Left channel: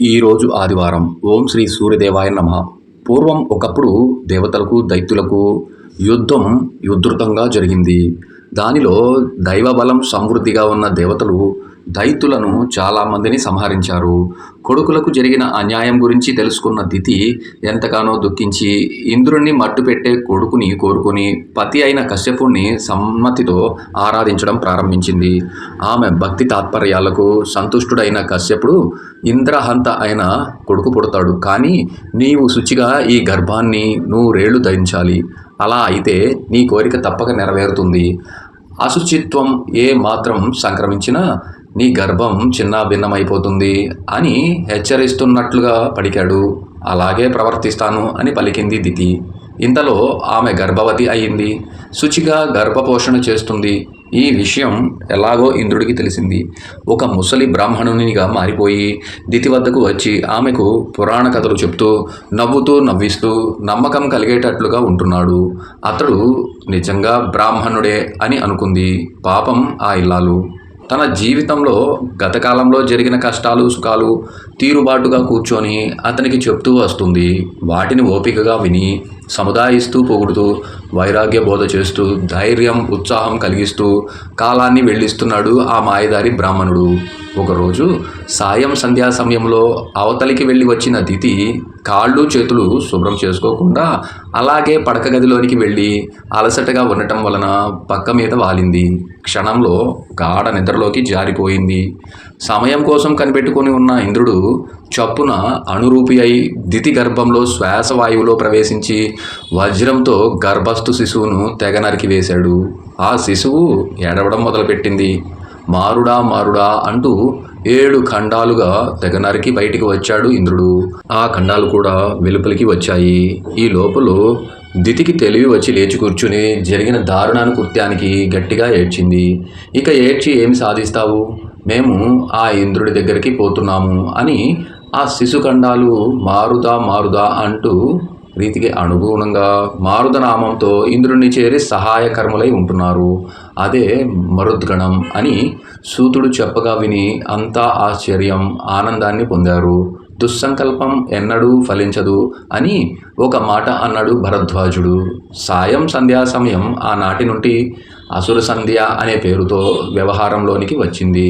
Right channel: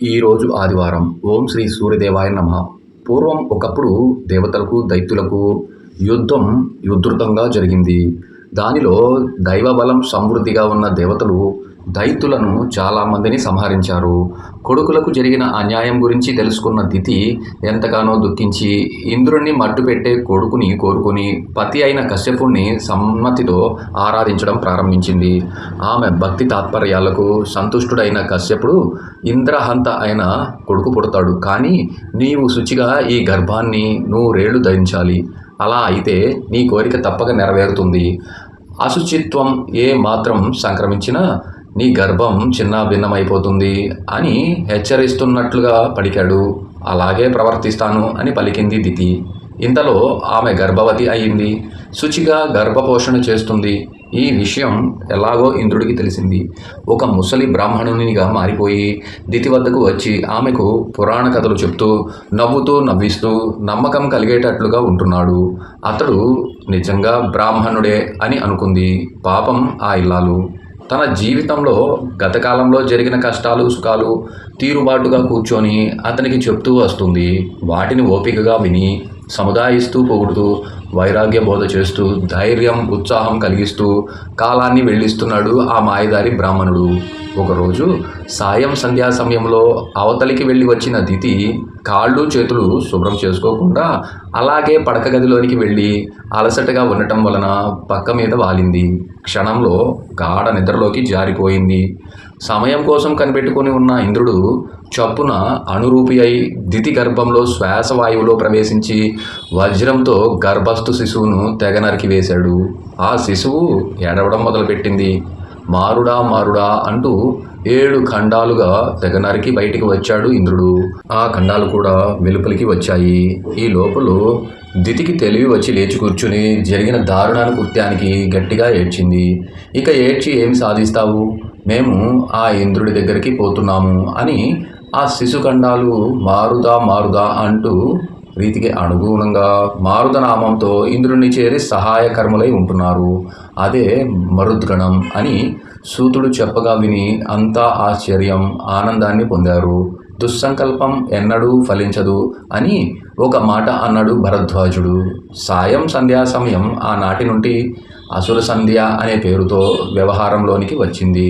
ఈరోజు ఆదివారం. ఓం శ్రీ సూర్యదేవాయ నమః. పూర్వం ఒకప్పుడు దేవతలకు, దైత్యులకు యుద్ధం ఉధృతంగా జరిగింది. దానిలో దైవబలం సమృద్ధిగా ఉన్న దేవతలు దైత్యులను చాలామందిని సంహరించారు. కొడుకులకు జరిగిన అన్యాయం గురించి తెలుసుకున్న దితి ఎంతగానో దుఃఖించి ఇంద్రుణ్ణి మట్టుపెట్టే కొడుకుని కోరుకుని పతి అయిన కశ్యపుణ్ణి సమ్మతితో ఆరాధించడం ప్రారంభించింది. ఆమె భక్తి తాత్పర్యాలకు సంతుష్టుడైన కశ్యపుడు ఇంద్రహంత అయిన కొడుకు పుడతాడు. కానీ నీవు శుచిగా ఈ గర్భాన్ని నూరేళ్లు ధరించాలి. అలా అయితే నీ కోరిక తప్పక నెరవేరుతుంది. అశుచిత్వం ఏ మాత్రం సంక్రమించినా నీ గర్భం చిన్నాభిన్నమైపోతుంది అని హెచ్చరిస్తున్నట్లుగా పలికాడు. అలాగే ప్రవర్తిస్తాను అని పలికింది దితి. ఇంతలో ఆమె గర్భవతి అయింది. శుచిగా గర్భపోషణ చేస్తుంది. ఈ విషయం ఎలాగో ఇంద్రుడికి తెలిసింది. ఒక ముసలి బ్రాహ్మణునిగా మారిపోయి దితి వద్దకు వచ్చి ఆమెకు పురాణ కథలు చెప్తూ నవ్వుతూ నవ్విస్తూ నమ్మకం కలిగేటట్లుగా ఉంటున్నాడు. అతడు నిజంగా బ్రాహ్మణుడే అని అనుకుంది. పాపం ఆ ఇల్లాలు తన జీవితంలో గతకాలంలో జరిగిన కష్టాలు సుఖాలు తీరుబాటుగా కూర్చొని అతనికి చెప్తూ వస్తుంది. వాటిని ఓపికగా విని సముదాయిస్తూ పొగుడుతూ వైరాగ్య బోధ చేస్తూ ధైర్యం ఉత్సాహం కలిగిస్తూ కాలాన్ని వెళ్ళిస్తున్నాడు ఆ మాయదారి బ్రాహ్మణుడు. ఒకరోజు సాయం సంధ్యా సమయంలో అవతలికి వెళ్ళి వచ్చిన దితి కాళ్ళు చేతులు శుభ్రం చేసుకోకుండా అలాగే పడక గదిలోనికి వెళ్ళి అలసటగా ఉండటం వలన పక్క మీద వాలింది. క్షణంలో గాఢ నిద్రలోకి జారిపోయింది. సమయం కోసం కనిపెట్టుకుని ఉన్న ఇంద్రుడు చప్పున అనురూపి అయి దితి గర్భంలో శ్వాసవాయువులో ప్రవేశించి వజ్రంతో గర్భస్థు శిశువును తెగ నరికి వేశాడు. ఆ శిశువు ఏడవడం మొదలుపెట్టింది. మారుడా మారుడా అంటూ 7 ఖండాలుగా తెగ నరికి బయటికి వచ్చాడు ఇంద్రుడు. ఆ ఖండాలు కూడా వెలుపలికి వచ్చాయి. ఈ లోపల దితికి తెలివి వచ్చి లేచి కూర్చుని జరిగిన దారుణాను కృత్యానికి గట్టిగా ఏడ్చింది. ఇక ఏడ్చి ఏమి సాధిస్తావు? మేము ఆ ఇంద్రుడి దగ్గరికి పోతున్నాము అని ఆ శిశుఖండాలు మారుదా మారుదా అంటూ రీతికి అనుగుణంగా మారుద నామంతో ఇంద్రుణ్ణి చేరి సహాయకర్ములై ఉంటున్నారు. అదే మరుద్గణం అని సూతుడు చెప్పగా విని అంతా ఆశ్చర్యం ఆనందాన్ని పొందారు. దుస్సంకల్పం ఎన్నడూ ఫలించదు అని ఒక మాట అన్నాడు భరద్వాజుడు. సాయం సంధ్యా సమయం ఆనాటి నుండి అసుర సంధ్య అనే పేరుతో వ్యవహారంలోనికి వచ్చింది.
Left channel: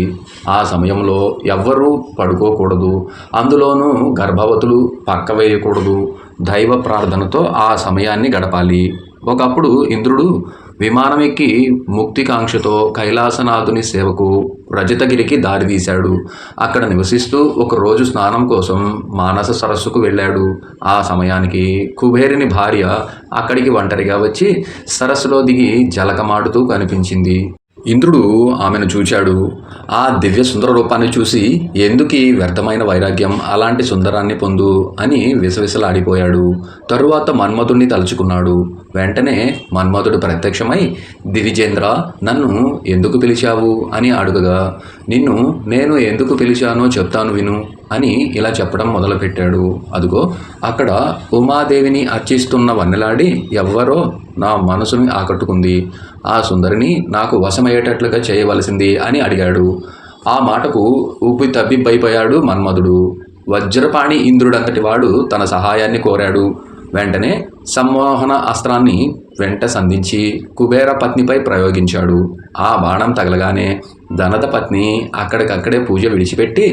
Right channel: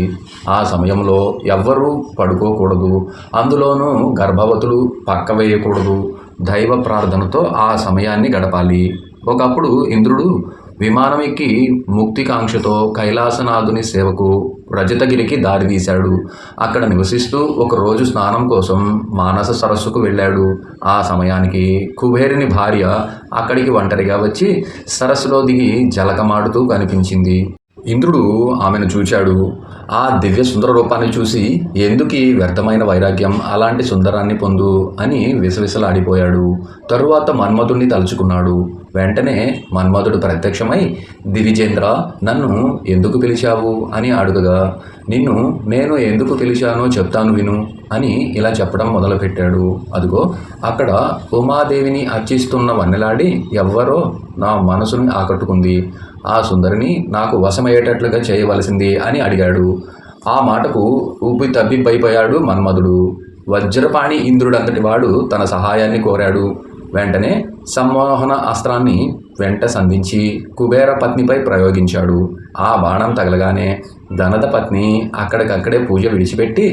ఆ సమయంలో ఎవ్వరూ పడుకోకూడదు. అందులోనూ గర్భవతులు పక్క వేయకూడదు. దైవ ప్రార్థనతో ఆ సమయాన్ని గడపాలి. ఒకప్పుడు ఇంద్రుడు విమానం ఎక్కి ముక్తికాంక్షతో కైలాసనాథుని సేవకు రజతగిరికి దారితీశాడు. అక్కడ నివసిస్తూ ఒకరోజు స్నానం కోసం మానస సరస్సుకు వెళ్ళాడు. ఆ సమయానికి కుబేరుని భార్య అక్కడికి ఒంటరిగా వచ్చి సరస్సులో దిగి జలకమాడుతూ కనిపించింది. ఇంద్రుడు ఆమెను చూచాడు. ఆ దివ్య సుందర రూపాన్ని చూసి ఎందుకీ వ్యర్థమైన వైరాగ్యం, అలాంటి సుందరాన్ని పొందు అని విసవిసలాడిపోయాడు. తరువాత మన్మధుణ్ణి తలుచుకున్నాడు. వెంటనే మన్మధుడు ప్రత్యక్షమై దివిజేంద్ర నన్ను ఎందుకు పిలిచావు అని అడుగగా నిన్ను నేను ఎందుకు పిలిచానో చెప్తాను విను అని ఇలా చెప్పడం మొదలుపెట్టాడు. అదిగో అక్కడ ఉమాదేవిని అర్చిస్తున్న వన్నెలాడి ఎవ్వరో నా మనసుని ఆకట్టుకుంది. ఆ సుందరిని నాకు వశమయ్యేటట్లుగా చేయవలసింది అని అడిగాడు. ఆ మాటకు ఉబ్బి తబ్బిబ్బైపోయాడు మన్మధుడు. వజ్రపాణి ఇంద్రుడంతటి వాడు తన సహాయాన్ని కోరాడు. వెంటనే సమ్మోహన అస్త్రాన్ని వెంట సంధించి కుబేర పత్నిపై ప్రయోగించాడు. ఆ బాణం తగలగానే ధనద పత్ని అక్కడికక్కడే పూజ విడిచిపెట్టి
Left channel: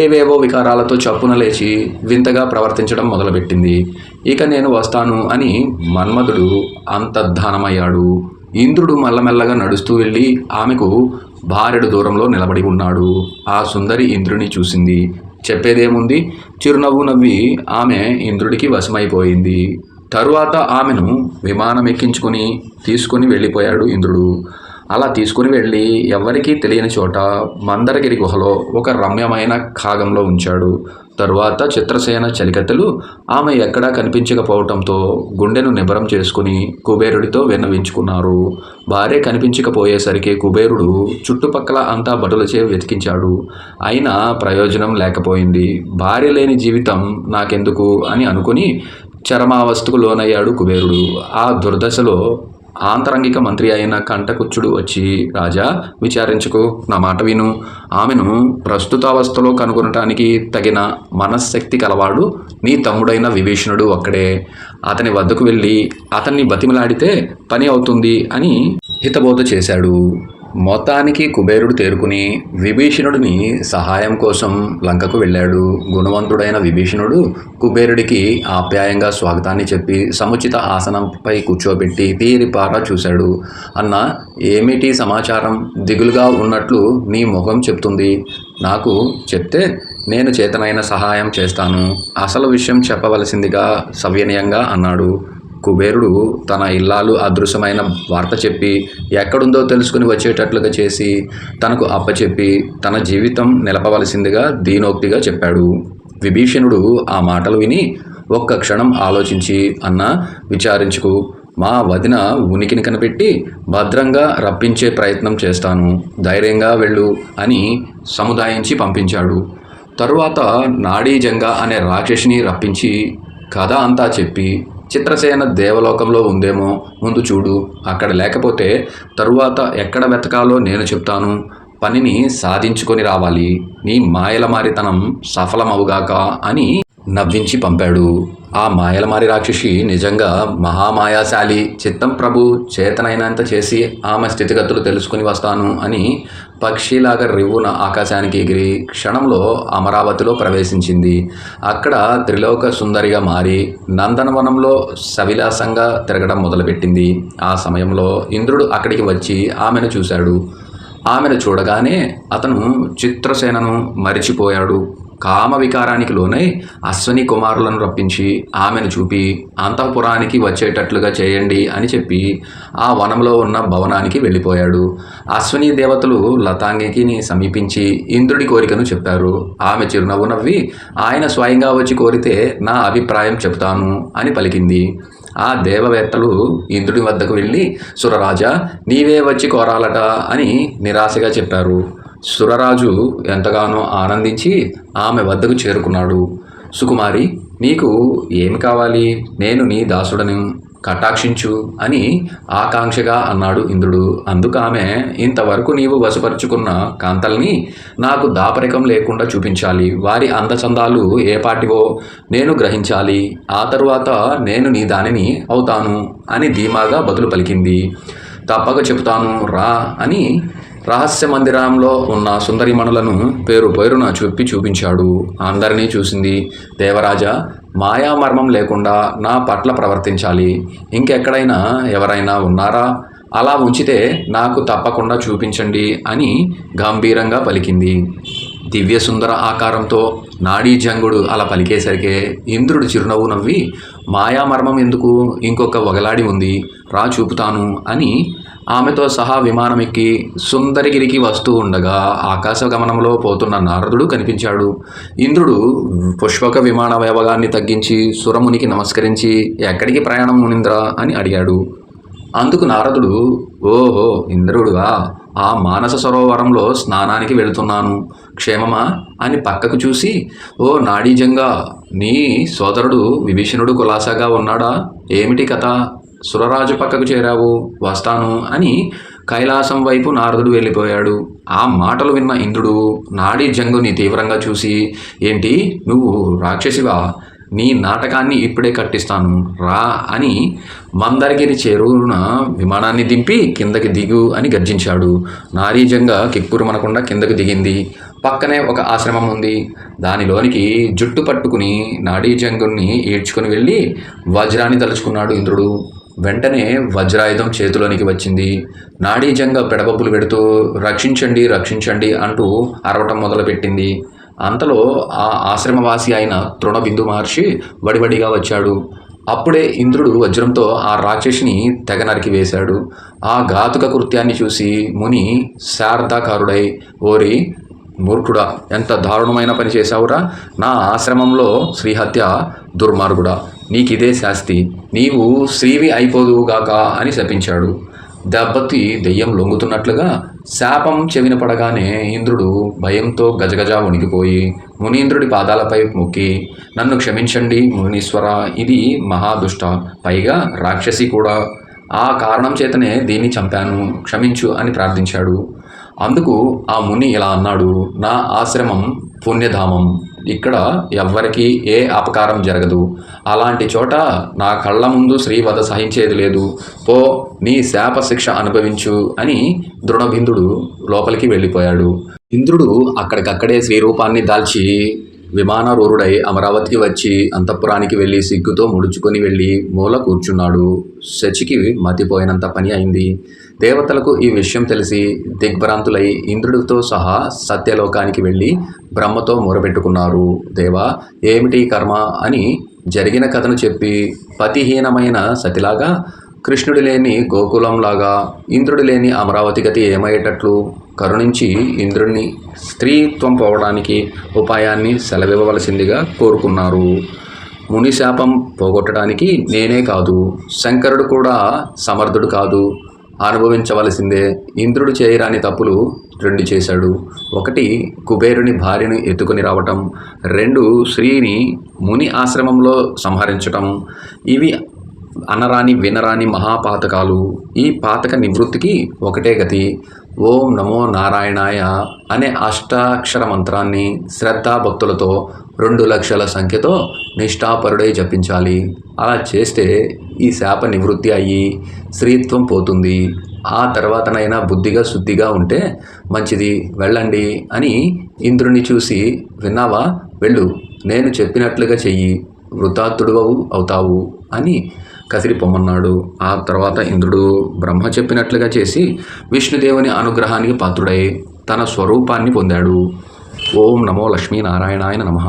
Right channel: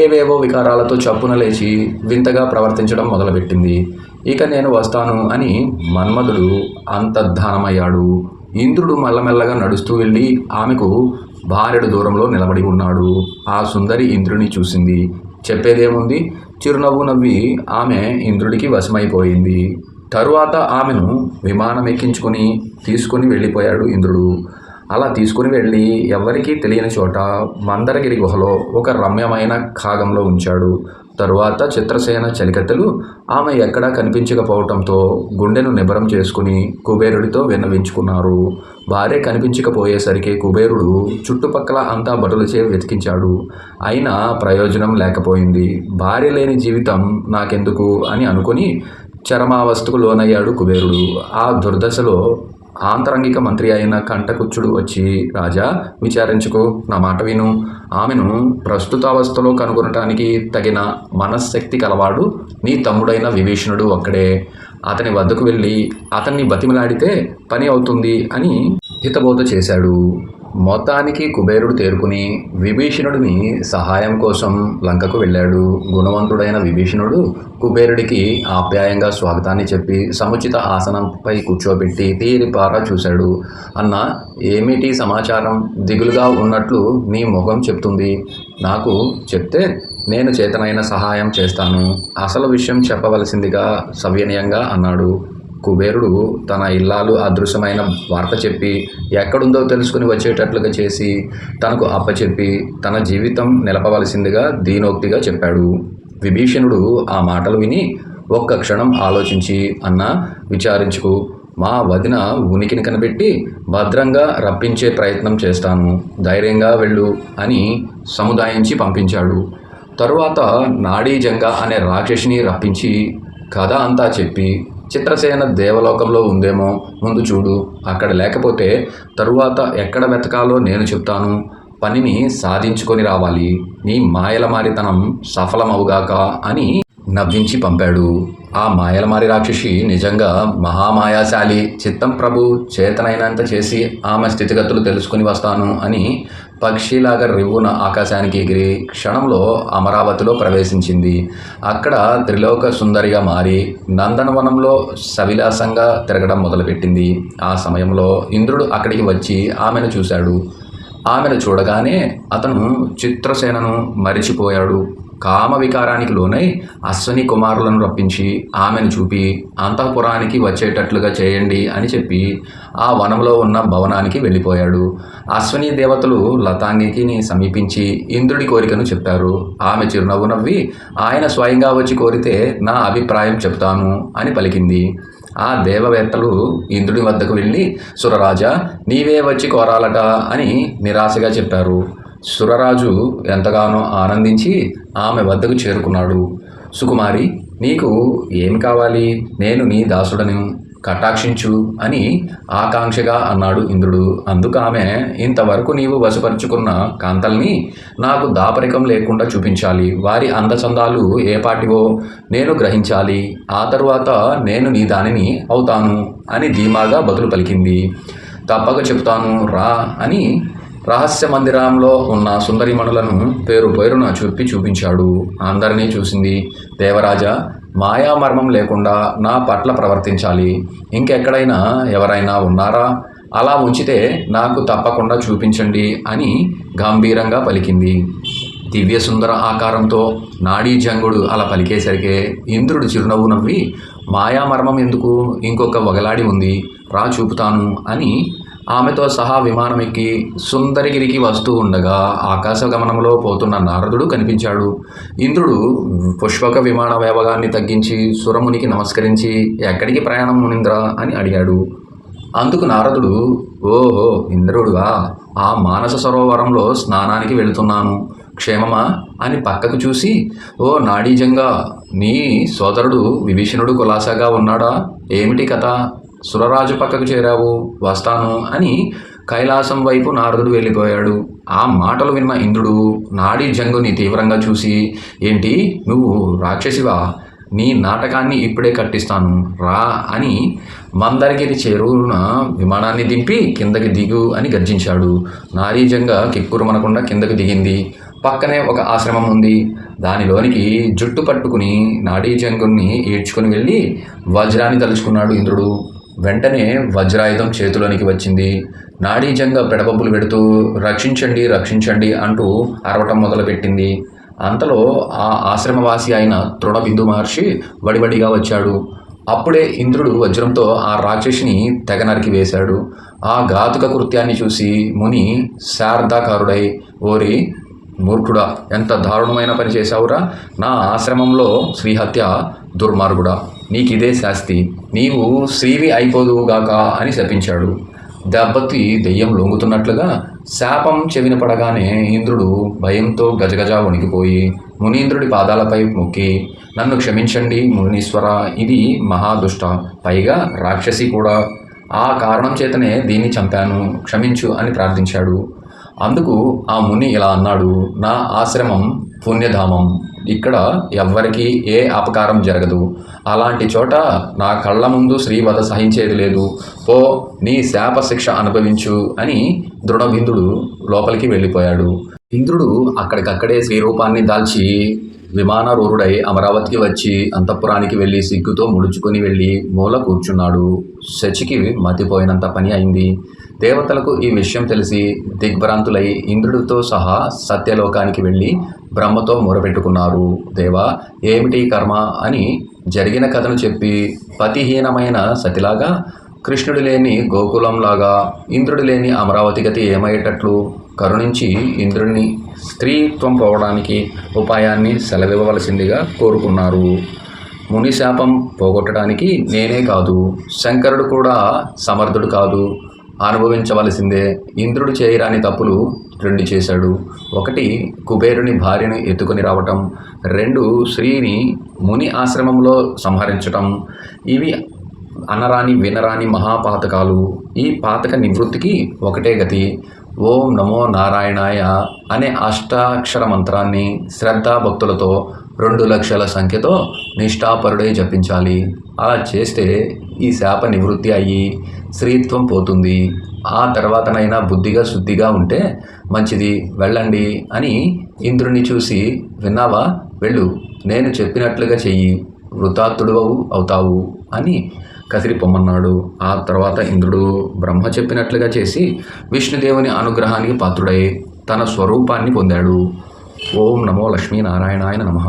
ఏవేవో వికారాలతో చప్పున లేచి వింతగా ప్రవర్తించడం మొదలుపెట్టింది. ఇక నేను వస్తాను అని మన్మధుడు అంతర్ధానమయ్యాడు. ఇంద్రుడు మెల్లమెల్లగా నడుస్తూ వెళ్ళి ఆమెకు భారెడు దూరంలో నిలబడి ఉన్నాడు. ఆ సుందరి ఇంద్రుని చూసింది. చెప్పేదేముంది? చిరునవ్వు నవ్వి ఆమె ఇంద్రుడికి వశమైపోయింది. తరువాత ఆమెను విమానం ఎక్కించుకొని తీసుకుని వెళ్ళిపోయాడు ఇంద్రుడు. అలా తీసుకుని వెళ్ళి ఎవ్వరికీ తెలియని చోట మందరగిరి గుహలో ఒక రమ్యమైన ఖాగంలో ఉంచాడు. తరువాత చిత్రసేన చలికత్తెలు ఆమె ఎక్కడా కనిపించకపోవటంతో గుండెను నిబరం చేసుకుని కుబేరుడితో విన్నవించుకున్నారు. భార్య కనిపించకపోయేసరికి కుబేరుడు చుట్టుపక్కల అంతా భటులచే వెతికించాడు. అయినా ప్రయోజనం లేకపోయింది. భార్య లేని జీవితం నాకెందుకు అని అనుకుని చరమావస్థకు లోనయ్యాడు కుబేరుడు. ఆ దుర్దశలో ఆంతరంగిక మంత్రి అయిన కంటకుచ్చుడు వచ్చి, రాజా విచారించుకో, నా మాట విను. ఆమెను ప్రస్తుతావస్థలో కనుగొనటానికి తగిన మనశ్శక్తి కలవాడు నీ తమ్ముడైన విభీషణుడు ఒక్కడే. అతని వద్దకు వెళ్ళి అతన్ని బతిమలాడితే పని అవుతుంది అని హితబోధ చేశాడు. మొత్తానికి కుబేరుడు తేరుకుని విభీషణుడిని సహాయం కోసం లంకకు వెళ్ళాడు. గుణవంతుడైన విభీషణుడు కుబేరుడికి ఆప్యాయంగా స్వాగతాన్ని చెప్పి సముచిత ఆసనంపై కూర్చోబెట్టి తీరిపారా చూశాడు. అన్న, ఏమిటి సమాచారం? దిగులుగా ఉన్నట్లు నీ ముఖం చెప్తుంది. నాకు చెప్తే నేను చేతనైన సహాయం చేస్తాను. అసలు విషయం చెప్పవలసిందిగా సవినయంగా అన్నాడు. కుబేరుడు తన ఇల్లాలు అదృశ్యమైన వార్త చెప్పి ఎక్కడుందో తెలుసుకుని వచ్చేటట్లుగా చేసి తనకు అప్పచెప్పి తన జీవితం నిలపవలసిందిగా దీనోక్తిగా చెప్పాడు. విభీషణుడు ఆ మాటలు విని ఒక్క క్షణం ఆలోచించి, అన్నా విచారించుకు, మా వదిన ఉనికిని కనిపెట్టి భద్రంగా రప్పించే ప్రయత్నం చేస్తాను, ధైర్యంగా వెళ్ళు అని సముదాయించి పంపించాడు. తరువాత నాడీజంగ అనే రాక్షసిని రప్పించి కథ అంతా చెప్పి, చిత్రసేన దేవలోకంలో ఉందేమో, ముందు చూడు, అక్కడ లేకపోతే తరువాత ఎక్కడ వెతకాలో నేను చెప్తాను, పనిని సాధించుకొని రావాలి, నీ మాయలమారితనం సఫలమవుగాక అని నవ్వించి పంపాడు. ఆ మాయలమారి రాక్షసి నిజంగా మహామాయాశాలి. చిత్తం ప్రభు, చేతనైనంత చేసి ఆమె స్థితిగతులు తెలుసుకుని వస్తాను అని పక్షిలాగా రివ్వున ఆకాశానికి ఎగిరి క్షణంలో అమరావతిలో ప్రవేశించింది. అక్కడ త్రిలోక సుందరిగా మారి నందనవనంలో సవిలాసంగా తిరగడం మొదలుపెట్టింది. ఆ సమయంలో ఇంద్రుడు అక్కడికి వచ్చి ఆమెను చూశాడు. ఆమెను చూడగానే అతను చిత్రసేనను మరిచిపోయాడు. కామ వికారానికి లోనై అశ్విని కుమారులను రప్పించి ఆమెను చూపి అంతఃపురానికి వచ్చేటట్లుగా చేయండి అని చెప్పి ఆ వనంలో ఉన్న భవనానికి వెళ్ళిపోయాడు. అశ్విని దేవతలు లతాంగికిని సమీపించి ఇంద్రుడి కోరికను చెప్పారు. ఆమె చిరునవ్వు నవ్వి, ఆయన స్వయంగా వచ్చి కోరితే నా అభిప్రాయం చెప్తాను అని పలికింది. ఆ దేవవేత్తలు ఇంద్రుడి వద్దకు వెళ్ళి, సురరాజా, నీవే వచ్చి కోరాలట అని నిరాశగా చెప్పారు. సురరాజు ఎంతగానో ఆనందించి ఆమె వద్దకు చేరుకున్నాడు. సుకుమారి, నీకు ఏమి కావాలి? నేను నీ దాసుడను, కటాక్షించు అని ఆకాంక్షగా అన్నాడు ఇంద్రుడు. అందుకు ఆమె, ఇంతవరకు నీవు వశపరుచుకున్న కాంతల్ని నాకు దాపరికం లేకుండా చూపించాలి. వారి అందచందాలు ఏపాటివో నేను గ్రహించాలి. ఆ తరువాత నేను నీ దానిని అవుతాను అని ధీమాగా బదులు పలికింది. తప్పక చెప్తాను రా అని రహస్య మందిరంలో ఉన్న సుందరిమణులను పేరు పేరున చూపించాడు. అందరినీ చూసింది. దేవరాజా, మాయామర్మం లేకుండా నా పట్ల ప్రవర్తించాలి. ఇంకెక్కడైనా ఎవరైనా ఉన్నారా? అలా ఉంచితే నాకు తప్పకుండా చూపించండి అని గంభీరంగా పలికింది. దివ్య సుందర ఆకారంతో నాడీజంగుడు అలా పలికేసరికే ఇంద్రుడు చిరునవ్వు నవ్వి, మాయామర్మం ఎందుకు, ఇంకొక వగలాడి ఉంది, రా చూపుతాను అని ఆమెతో సహా విమానం ఎక్కి సుందరగిరికి వస్తూ ఉండగా ఆకాశగమనంలో పోతున్న నారదుడు కనిపించాడు. ఇంద్రుడు పుష్పక విమాన వేగాన్ని తగ్గించి సురమునికి నమస్కరించి, ఎక్కడికి ప్రయాణం మునింద్రా అని అడిగాడు. అందుకు నారదుడు, ఓహో ఇంద్రుడుగా, ఆ మానస సరోవరంలో స్నానానికి వెళుతున్నాను, క్షేమమా అని పక్కకు చూసి, ఓ నాడీజంగా, నీ సోదరుడు విభీషణుడు కులాసాగా ఉన్నాడా? ఏమిటి కథ? సురరాజు పక్కకు చేరావు, వస్తాను అని కైలాసం వైపు నారదుడు వెళ్ళిపోయాడు. ఆ మాటలు విన్న ఇంద్రుడు నాడీజంగుని తీవ్రంగా చూసి, ఏంటి నువ్వు రాక్షసివా? నీ నాటకాన్ని ఇప్పుడే కట్టిస్తాను రా అని మందరగిరి చేరువున విమానాన్ని దింపి కిందకి దిగు అని గర్జించాడు. నాడీజంగ కిక్కురుమనకుండా కిందకు దిగింది. పక్కనే ఒక ఆశ్రమం ఉంది. దానిలోనికి జుట్టు పట్టుకుని నాడీజంగుని ఈడ్చుకుని వెళ్ళి వజ్రాన్ని తలుచుకున్నాడు ఇంద్రుడు. వెంటనే వజ్రాయుధం చేతిలోనికి వచ్చింది. నాడీజంగ పెడబొబ్బులు పెడుతూ రక్షించండి రక్షించండి అంటూ అరవటం మొదలుపెట్టింది. అంతలో ఆ ఆశ్రమవాసి అయిన తృణబిందు మహర్షి వడివడిగా వచ్చాడు. అప్పుడే ఇంద్రుడు వజ్రంతో ఆ రాక్షసిని తెగ నరికి వేశాడు. ఆ ఘాతుక కృత్యాన్ని చూసి ముని శారదాకారుడై, ఓరి మూర్ఖుడా, ఎంత దారుణమైన పని చేశావురా? నా ఆశ్రమంలో శ్రీహత్య, దుర్మార్గుడా, నీకిదే శాస్తి, నీవు శ్రీవి అయిపోదువుగాక అని శపించాడు. దెబ్బతి దెయ్యం లొంగుతున్నట్లుగా శాపం చెవిన పడగానే ఇంద్రుడు భయంతో గజగజ వణికిపోయి మునీంద్రుడి పాదాలపై మొక్కి, నన్ను క్షమించండి మునీశ్వర, ఇది మహాదుష్ట, పైగా రాక్షసి కూడా. ఆ కారణం చేతనే దీన్ని చంపాను, క్షమించు అని ప్రార్థించాడు. అందుకు ఆ ముని ఇలా అన్నాడు, నా ఆశ్రమం పుణ్యధామం, ఇక్కడ ఎవ్వరికీ ఏ అపకారం జరగదు. అలాంటి చోట నా కళ్ళ ముందు శ్రీవధ సహించేది లేదు. పో, నీ శాప శిక్ష అనుభవించు అని దృఢభిందుడు లోపలికి వెళ్ళిపోయాడు. ఇంద్రుడు అక్కడికక్కడే శ్రీరూపాన్ని దాల్చి విమానరూఢుడై అమరావతికి వచ్చి అంతఃపురానికి వెళ్ళి సిగ్గుతో ముడుచుకొని వెళ్ళి మూల కూర్చున్నాడు. శచికి మతిపోయినంత పని అయింది. దేవతలకు ఈ విషయం తెలిసి దిగ్భ్రాంతులై ఇంద్రుడితో సహా సత్యలోకానికి వెళ్ళి బ్రహ్మతో మొరపెట్టుకున్నారు. దేవా, ఏమిటి కర్మ అని జరిగిన కథను చెప్పి పతిహీనమైన సతిలాగా, కృష్ణుడు లేని గోకులంలాగా ఇంద్రుడు లేని అమరావతి గతి ఏమయ్యేటట్లు కరుణించి ఇంద్రుడిని స్త్రీత్వం పోవడానికి ఉపాయాన్ని సెలవివ్వవలసిందిగా కోరుకున్నారు. ముని శాపం పోగొట్టడానికి నేనే కాదు, శంకరుడు కూడా సమర్థుడు కాదు, అనుభవించవలసిందే. ఇంద్రుడు చేయరాని తప్పులు 2 చేశాడు. 1 కుబేరుని భార్యను ఎత్తుకొని రావటం, 2 శ్రీని ముని ఆశ్రమంలో సంహరించటం. ఇవి అనరాని వినరాని మహాపాతకాలు. ఈ పాతక నివృత్తికి ఒకటే గతి. ఓం నమో నారాయణాయ అనే అష్టాక్షర మంత్రాన్ని శ్రద్ధాభక్తులతో 2 లక్షల సంఖ్యతో నిష్ఠాపరుడే జపించాలి. అలా చేస్తే ఈ శాప నివృత్తి అయ్యి స్త్రీత్వం పోతుంది. ఆ తర్వాతనైనా బుద్ధిగా శుద్ధిగా ఉంటే మంచిది, వెళ్ళండి అని ఇంద్రుని చూసి, విన్నావా, వెళ్ళు, నేను చెప్పినట్లుగా చెయ్యి, వృతార్థుడు అవుతావు అని కసిరి పొమ్మన్నాడు. ఆ తర్వాత ఇంద్రుడు బ్రహ్మ చెప్పినట్లుగా చేసి విష్ణుదేవుని అనుగ్రహానికి పాత్రుడై తన స్వరూపాన్ని పొందాడు. ఓం నమో లక్ష్మీనారాయణాయ నమః.